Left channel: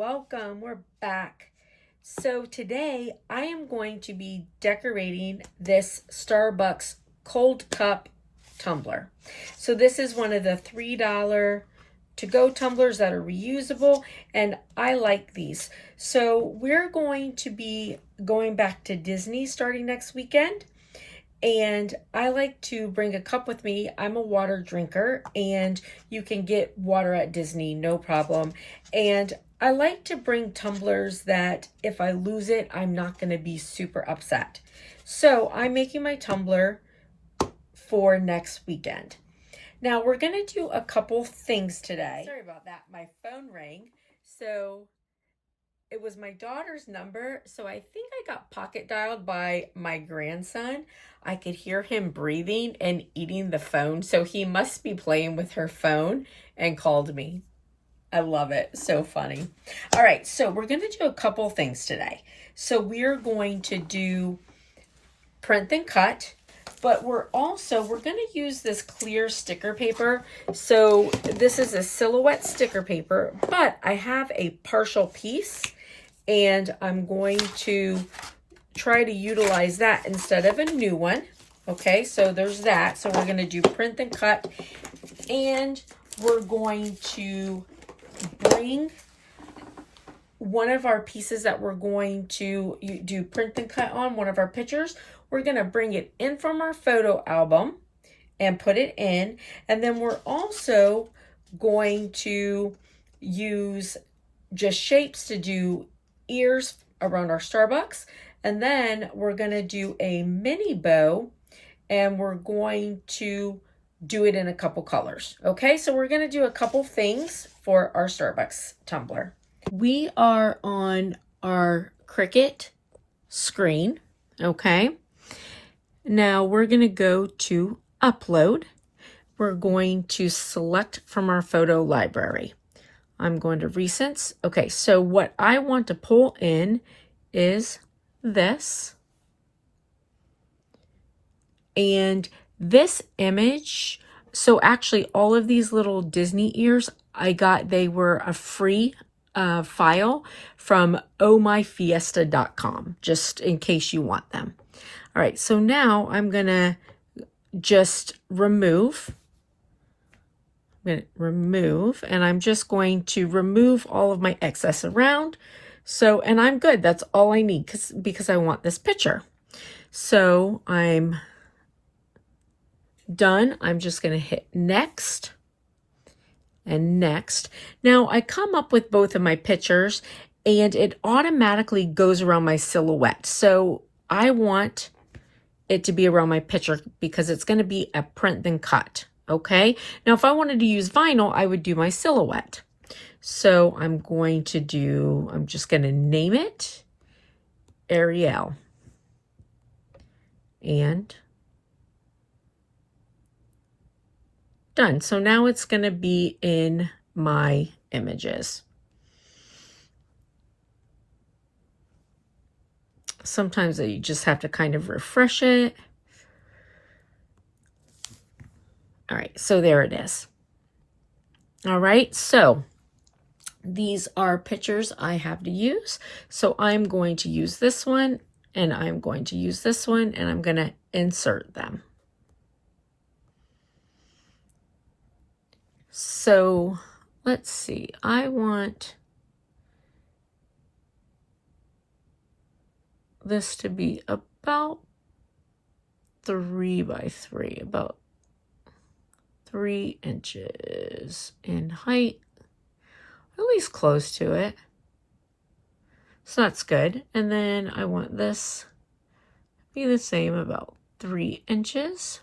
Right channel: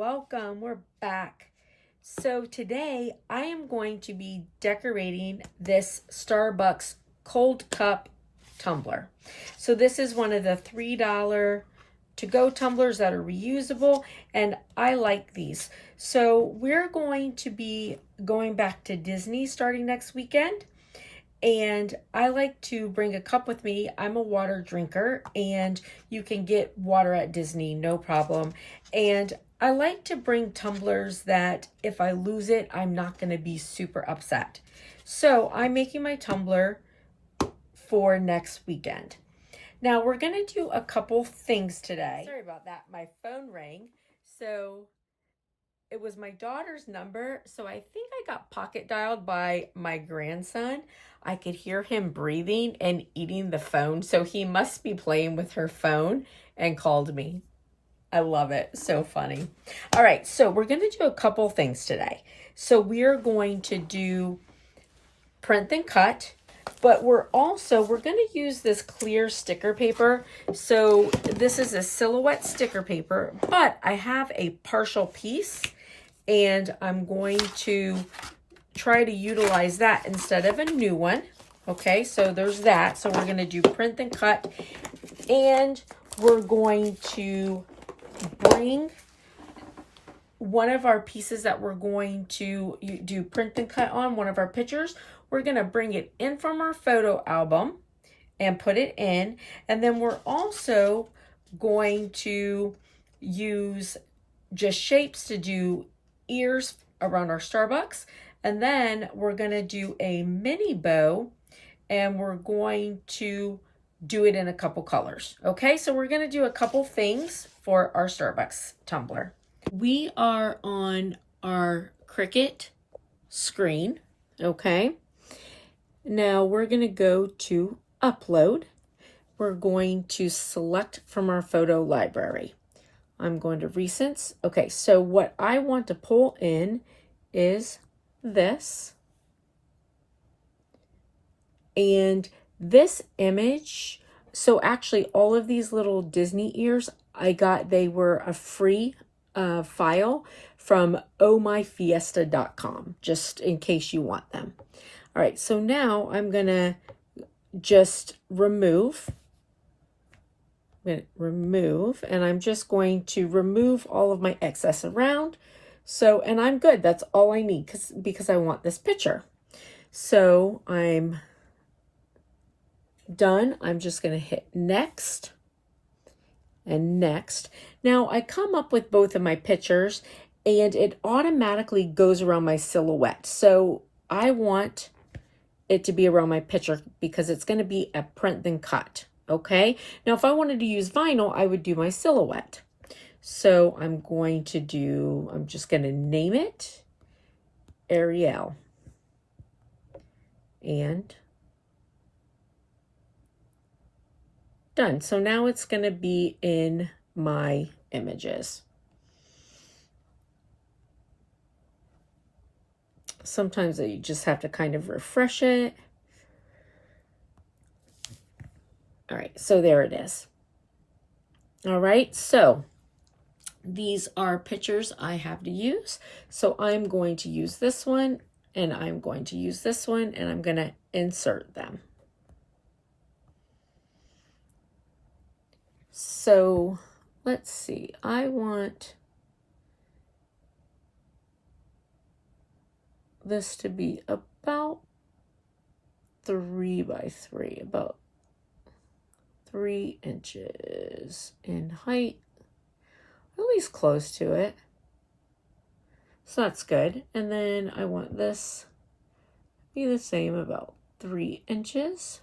welcome. We're back. So today I am going to be decorating this Starbucks cold cup tumbler. So this is one of the $3 to-go tumblers that are reusable, and I like these. So we're going to be going back to Disney starting next weekend. And I like to bring a cup with me. I'm a water drinker, and you can get water at Disney, no problem. And I like to bring tumblers that if I lose it, I'm not going to be super upset. So I'm making my tumbler for next weekend. Now we're going to do a couple things today. Sorry about that. My phone rang. So it was my daughter's number. So I think I got pocket dialed by my grandson. I could hear him breathing and eating the phone. So he must be playing with her phone and called me. I love it. So funny. All right. So we're going to do a couple things today. So we're going to do print and cut, but we're going to use this clear sticker paper. So this is a silhouette sticker paper, but I have a partial piece and I'm going to try to utilize that instead of a new one. Okay, so there's that. So we're going to do print and cut, and we're going to bring one of our pieces that we're going to do print and cut on, one of our pictures. We're going to bring it in from our photo album and put it in. And then we're also going to use just shapes to do ears around our Starbucks. And then we're going to do a mini bow, and we're going to do it in a couple colors. Okay, so we're going to do a couple things for our Starbucks tumbler. We are on our Cricut screen. Okay, now we're going to go to upload. We're going to select from our photo library. I'm going to recents. Okay, so what I want to pull in is this. And this image, so actually all of these little Disney ears, they were a free file from ohmyfiesta.com, just in case you want them. All right, so now I'm gonna just remove. I'm just going to remove all of my excess around. So, and I'm good. That's all I need because I want this picture. So I'm done. I'm just going to hit next and next. Now I come up with both of my pictures and it automatically goes around my silhouette. So I want it to be around my picture because it's going to be a print and cut. Okay. Now, if I wanted to use vinyl, I would do my silhouette. So I'm just going to name it Ariel. And done. So now it's going to be in my images. Sometimes you just have to kind of refresh it. All right, so there it is. All right, so these are pictures I have to use. So I'm going to use this one, and I'm going to use this one, and I'm going to insert them. So let's see, I want this to be about 3 by 3, about 3 inches in height, at least close to it. So that's good. And then I want this to be the same, about 3 inches.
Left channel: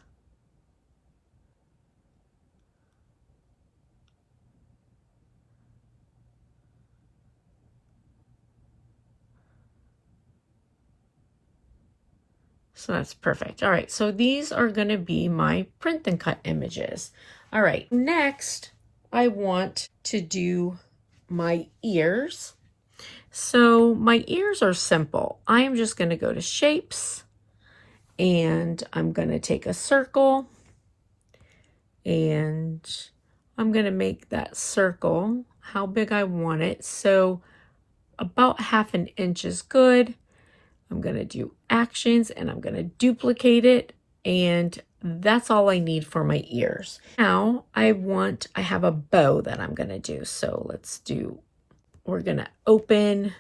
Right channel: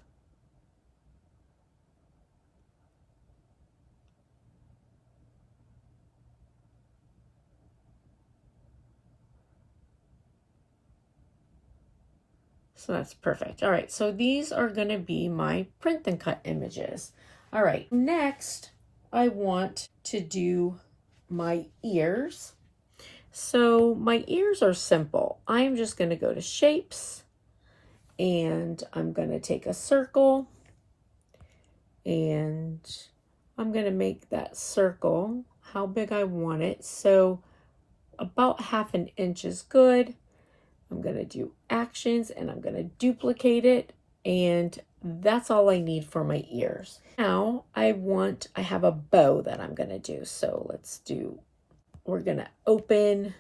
So that's perfect. All right, so these are going to be my print and cut images. All right, next I want to do my ears. So my ears are simple. I am just going to go to shapes, and I'm going to take a circle, and I'm going to make that circle how big I want it. So about 1/2 inch is good. I'm going to do actions and I'm going to duplicate it, and that's all I need for my ears. Now I have a bow that I'm going to do. So we're going to open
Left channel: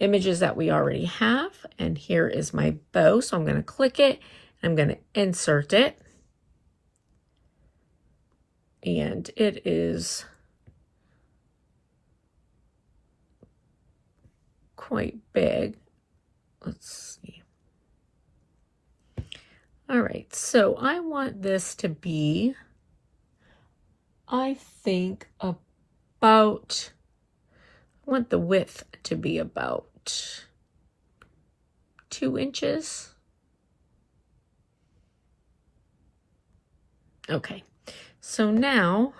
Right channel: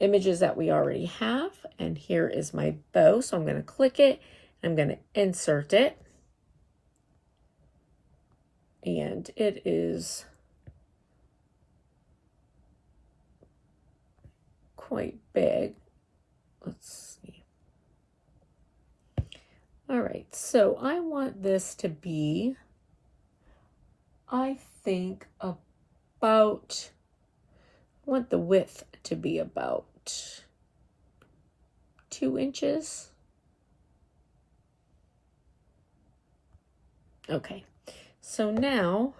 images that we already have, and here is my bow. So I'm going to click it and I'm going to insert it, and it is quite big. Let's see. All right, so I want this to be, I think, I want the width to be about 2 inches. Okay, so now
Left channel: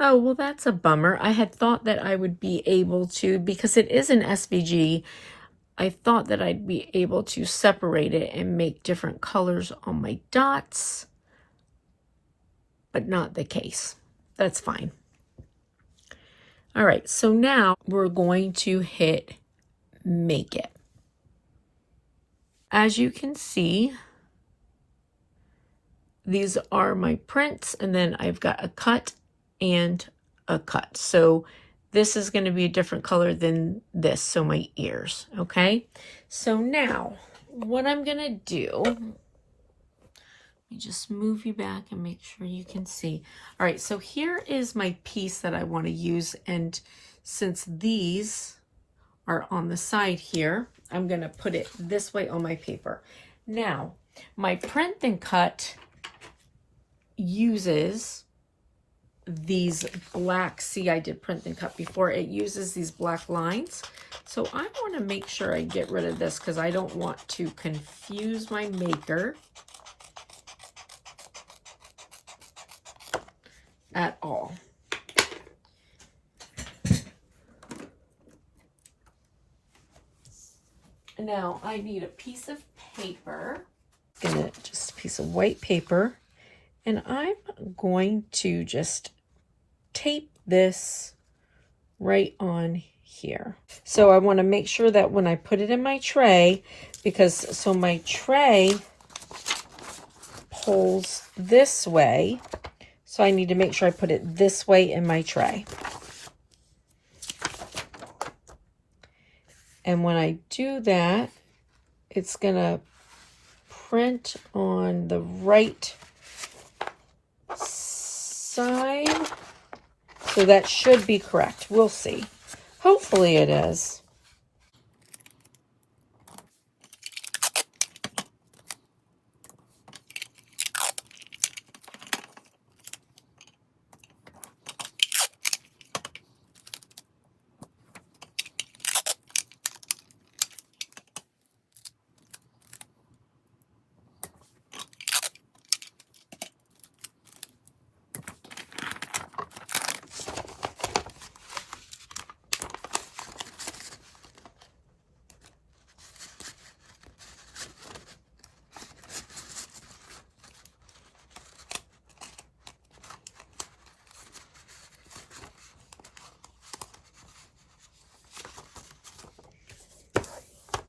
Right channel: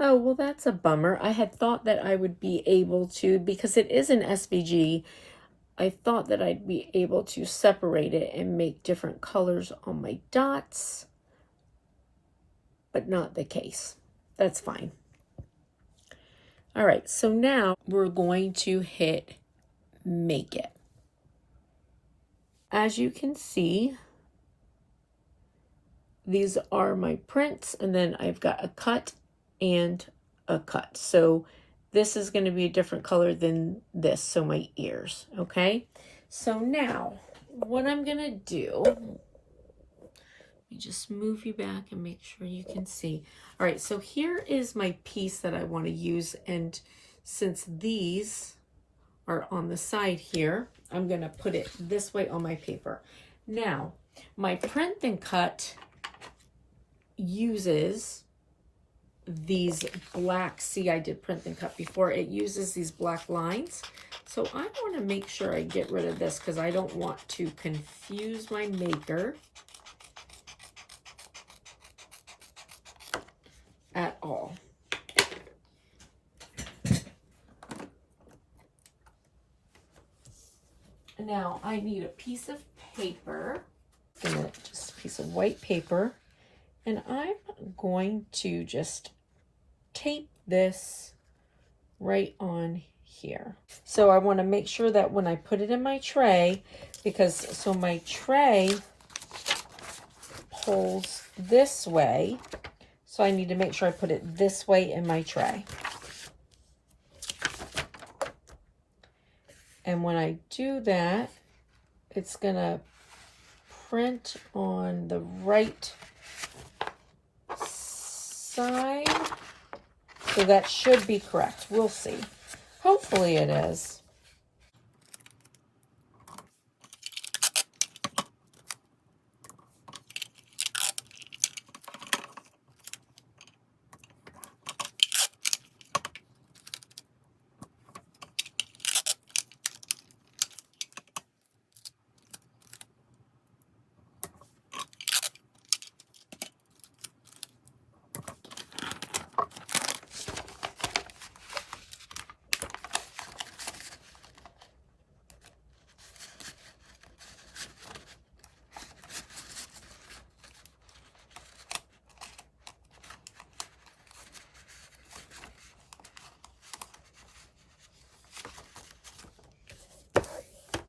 oh, well, that's a bummer. I had thought that I would be able to, because it is an SVG, I thought that I'd be able to separate it and make different colors on my dots, but not the case. That's fine. All right, so now we're going to hit make it. As you can see, these are my prints, and then I've got a cut and a cut. So this is going to be a different color than this, so my ears, okay? So now what I'm going to do, let me just move you back and make sure you can see. All right, so here is my piece that I want to use, and since these are on the side here, I'm going to put it this way on my paper. Now, my print and cut uses these black, see, I did print and cut before, it uses these black lines. So I want to make sure I get rid of this because I don't want to confuse my maker at all. Now I need a piece of paper, just a piece of white paper, and I'm going to just tape this right on here. So I want to make sure that when I put it in my tray, so my tray pulls this way, so I need to make sure I put it this way in my tray. And when I do that, it's going to print on the right side. So that should be correct. We'll see. Hopefully it is.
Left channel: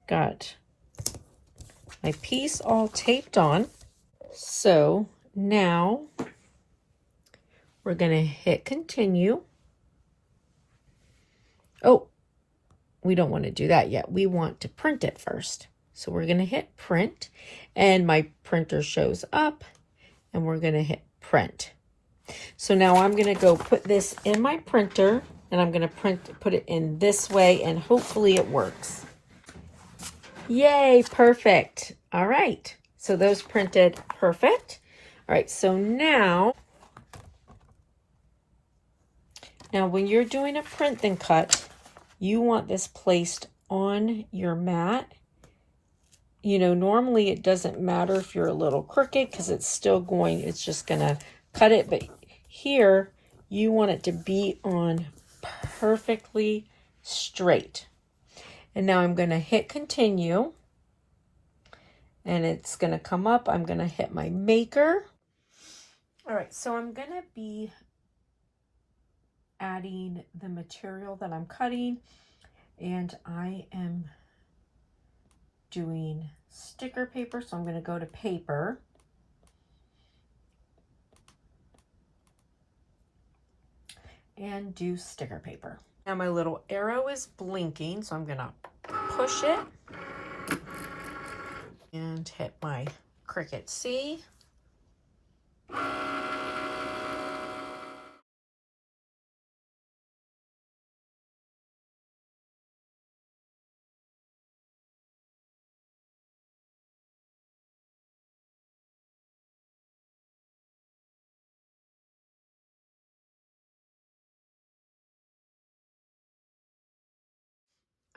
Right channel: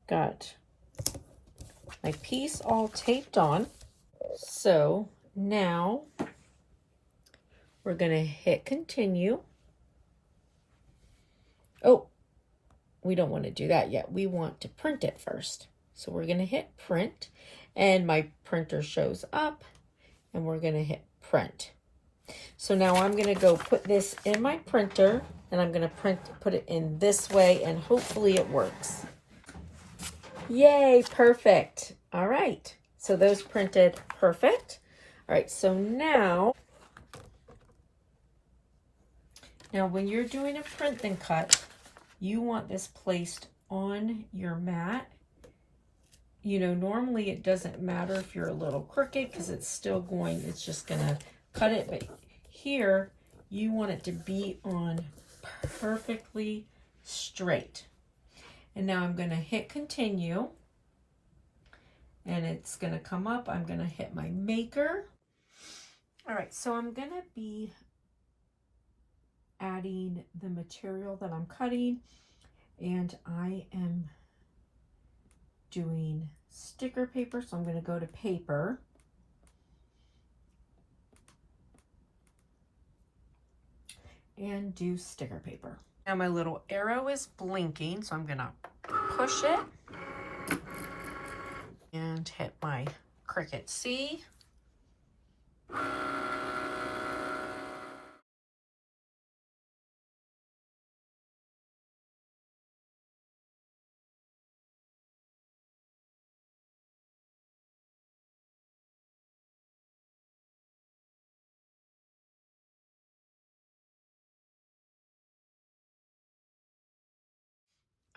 Got my piece all taped on. So now we're going to hit continue. Oh, we don't want to do that yet. We want to print it first. So we're going to hit print, and my printer shows up, and we're going to hit print. So now I'm going to go put this in my printer, and I'm going to put it in this way, and hopefully it works. Yay, perfect. All right, so those printed perfect. All right, so now when you're doing a print and cut, you want this placed on your mat. You know, normally it doesn't matter if you're a little crooked because it's just gonna cut it, but here you want it to be on perfectly straight. And now I'm going to hit continue, and it's going to come up. I'm going to hit my maker. All right, so I'm going to be adding the material that I'm cutting, and I am doing sticker paper, so I'm going to go to paper. And do sticker paper. Now my little arrow is blinking, so I'm going to push it and hit my Cricut C.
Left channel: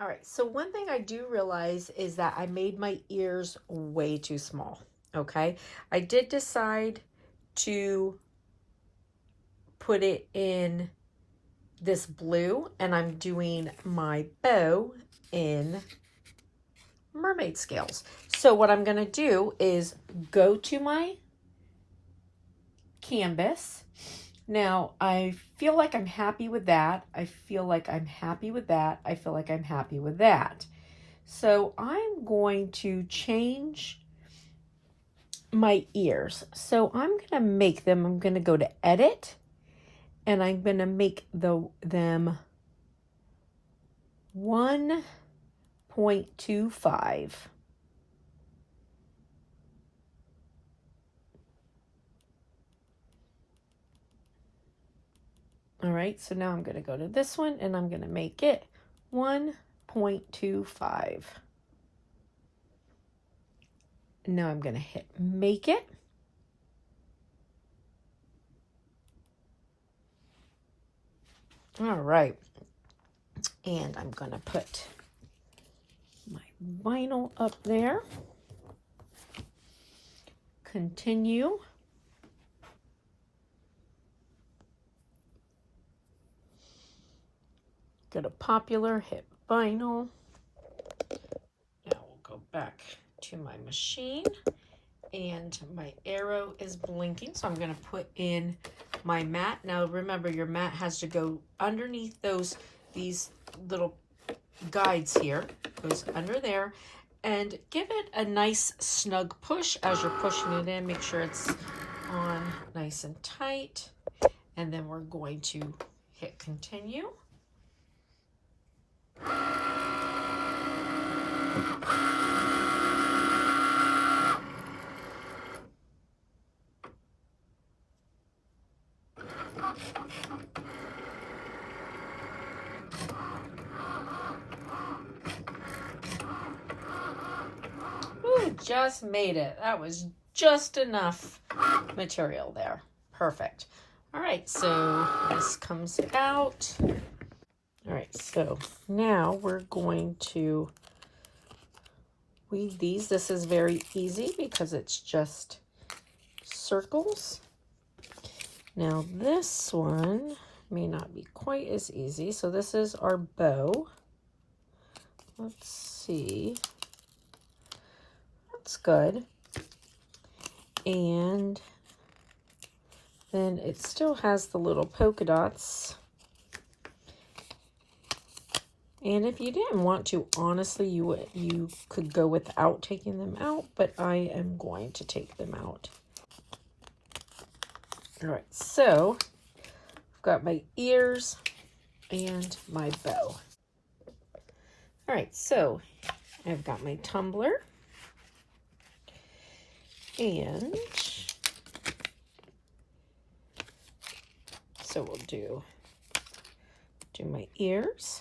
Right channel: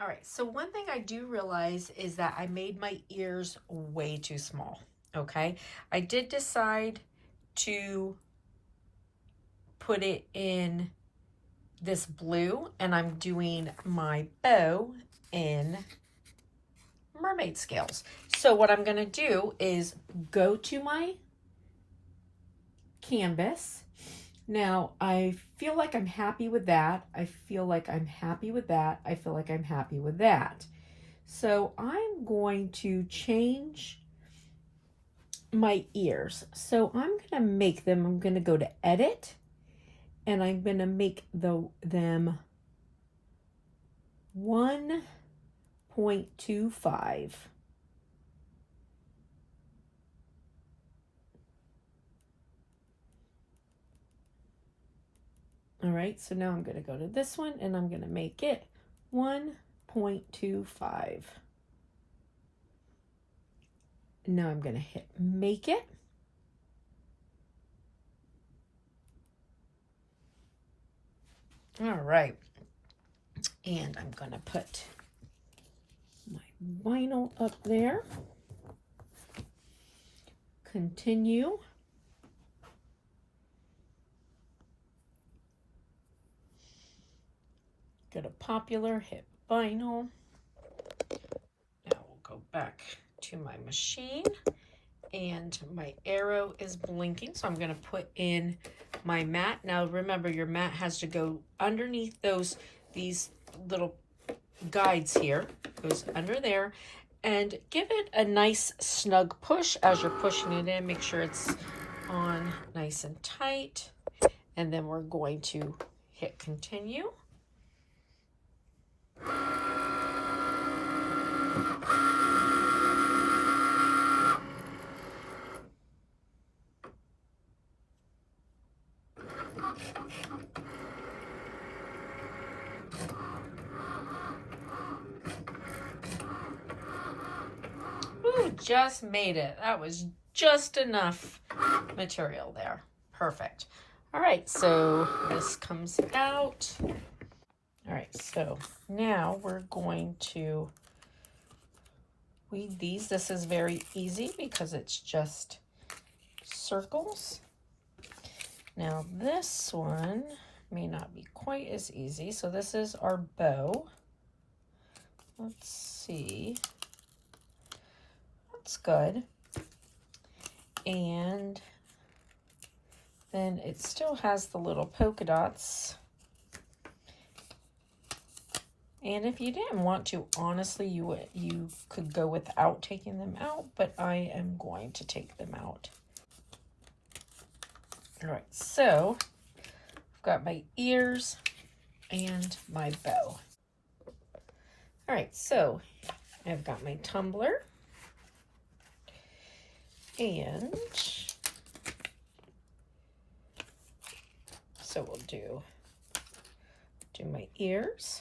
All right, so one thing I do realize is that I made my ears way too small, okay? I did decide to put it in this blue, and I'm doing my bow in mermaid scales. So what I'm gonna do is go to my canvas. Now, I feel like I'm happy with that. I feel like I'm happy with that. I feel like I'm happy with that. So I'm going to change my ears. So I'm going to make them, I'm going to go to edit, and I'm going to make them 1.25. All right, so now I'm going to go to this one, and I'm going to make it 1.25. Now I'm going to hit make it. All right, and I'm going to put my vinyl up there. Continue. Go to popular, hit vinyl. Now we'll go back to my machine, and my arrow is blinking, so I'm going to put in my mat. Now remember, your mat has to go underneath these little guides here, goes under there, and give it a nice snug push as you're pushing it in. Make sure it's on nice and tight, and then we're going to hit continue. Ooh, just made it. That was just enough material there. Perfect. All right, so this comes out. All right, so now we're going to weed these. This is very easy because it's just circles. Now this one may not be quite as easy. So this is our bow. Let's see. That's good. And then it still has the little polka dots. And if you didn't want to, honestly, you could go without taking them out, but I am going to take them out. All right, so I've got my ears and my bow. All right, so I've got my tumbler, and so we'll do my ears.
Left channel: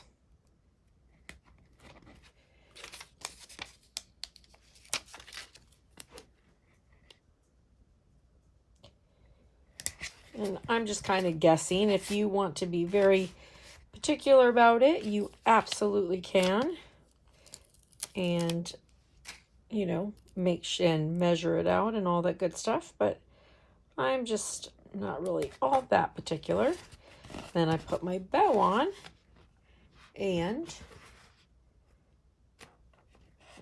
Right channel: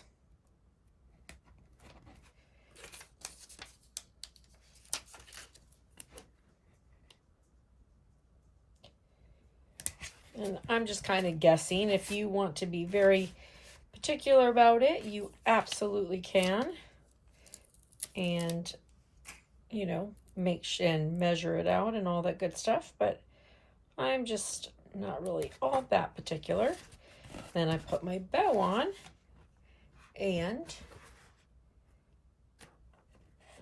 And I'm just kind of guessing. If you want to be very particular about it, you absolutely can. And, you know, and measure it out and all that good stuff. But I'm just not really all that particular. Then I put my bow on, and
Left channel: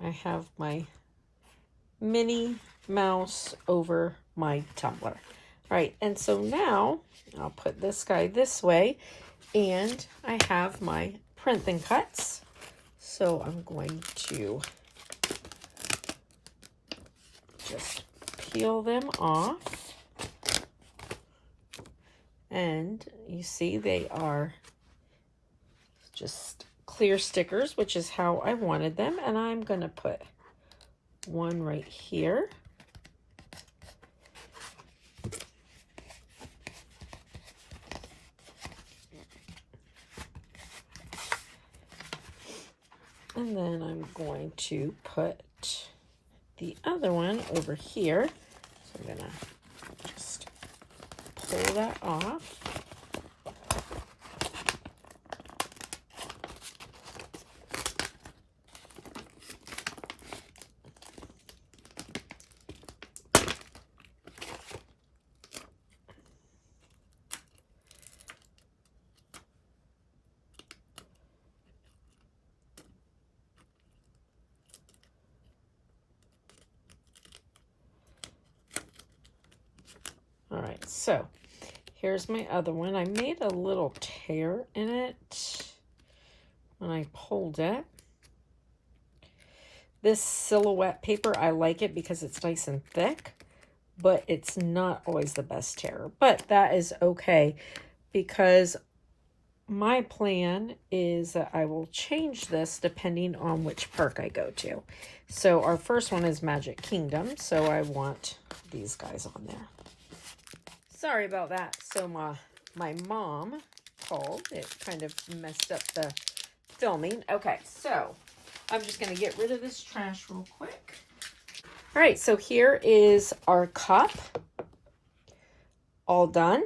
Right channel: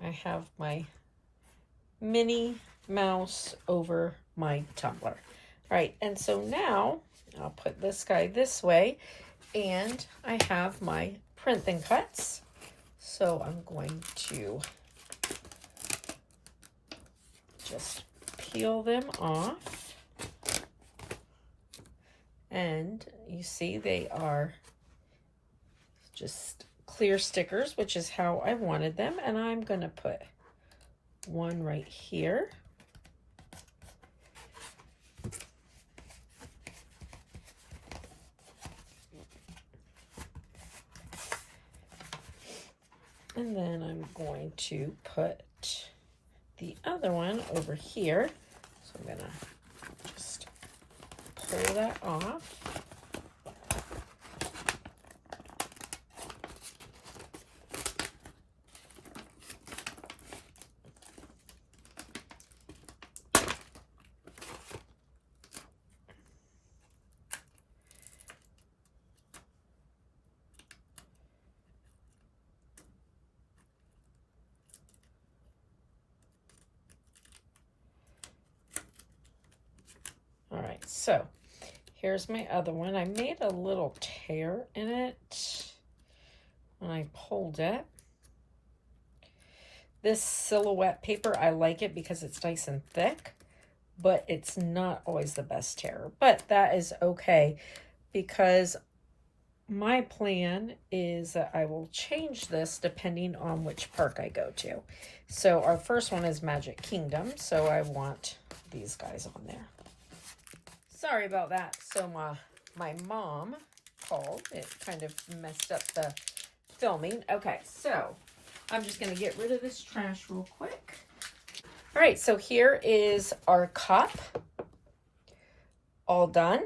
I have my Minnie Mouse over my tumbler. Right, and so now I'll put this guy this way, and I have my print and cuts. So I'm going to just peel them off. And you see they are just clear stickers, which is how I wanted them. And I'm going to put one right here. And then I'm going to put the other one over here. So I'm going to just pull that off. All right, so here's my other one. I made a little tear in it when I pulled it. This silhouette paper, I like it because it's nice and thick, but it's not always the best tear. But that is okay, because my plan is that I will change this depending on which park I go to. So our first one is Magic Kingdom, so I want these guys on there. Sorry about that. So my mom called. It kind of messed up the filming. Okay, so I'm just going to get rid of this trash real quick. All right, so here is our cup all done.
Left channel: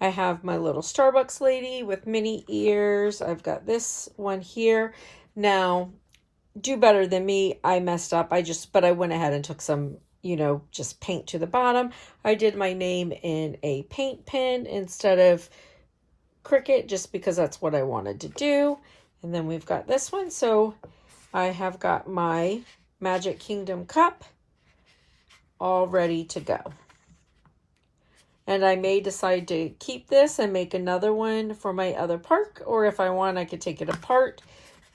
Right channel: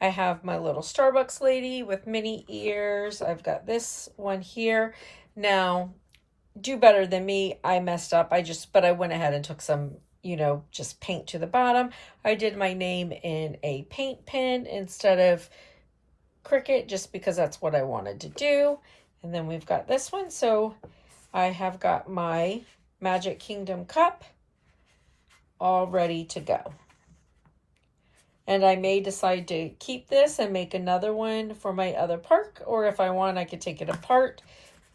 I have my little Starbucks lady with mini ears. I've got this one here. Now, do better than me. I messed up. But I went ahead and took some, just paint to the bottom. I did my name in a paint pen instead of Cricut, just because that's what I wanted to do. And then we've got this one. So I have got my Magic Kingdom cup all ready to go. And I may decide to keep this and make another one for my other park, or if I want, I could take it apart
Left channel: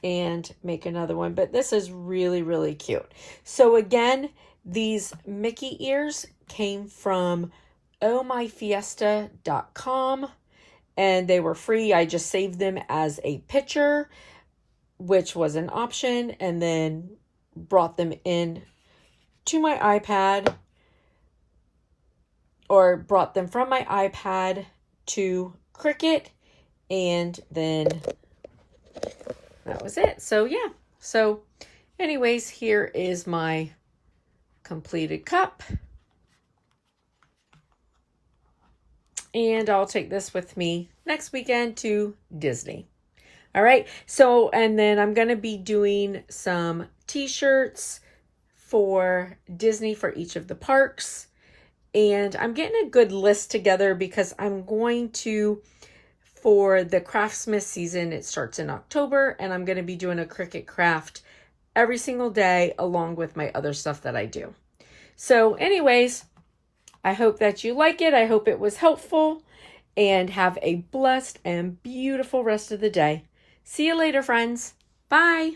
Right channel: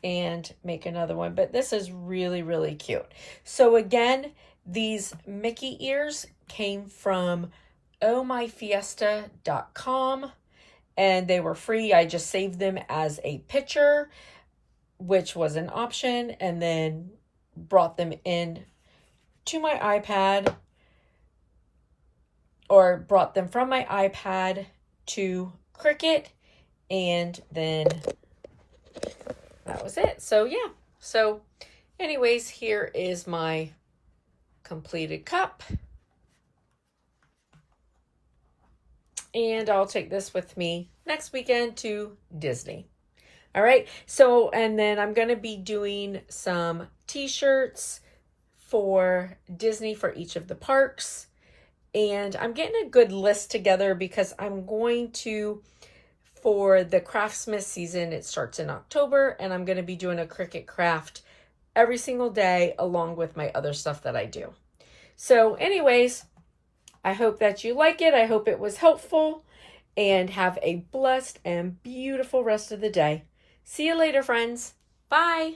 and make another one. But this is really, really cute. So again, these Mickey ears came from ohmyfiesta.com, and they were free. I just saved them as a picture, which was an option, and then brought them in to my iPad, or brought them from my iPad to Cricut, and then that was it. So yeah, so anyways, here is my completed cup, and I'll take this with me next weekend to Disney. All right, so and then I'm going to be doing some t-shirts for Disney for each of the parks. And I'm getting a good list together because I'm going to, for the Craftsmith season, it starts in October, and I'm going to be doing a Cricut craft every single day along with my other stuff that I do. So anyways, I hope that you like it. I hope it was helpful, and have a blessed and beautiful rest of the day. See you later, friends. Bye.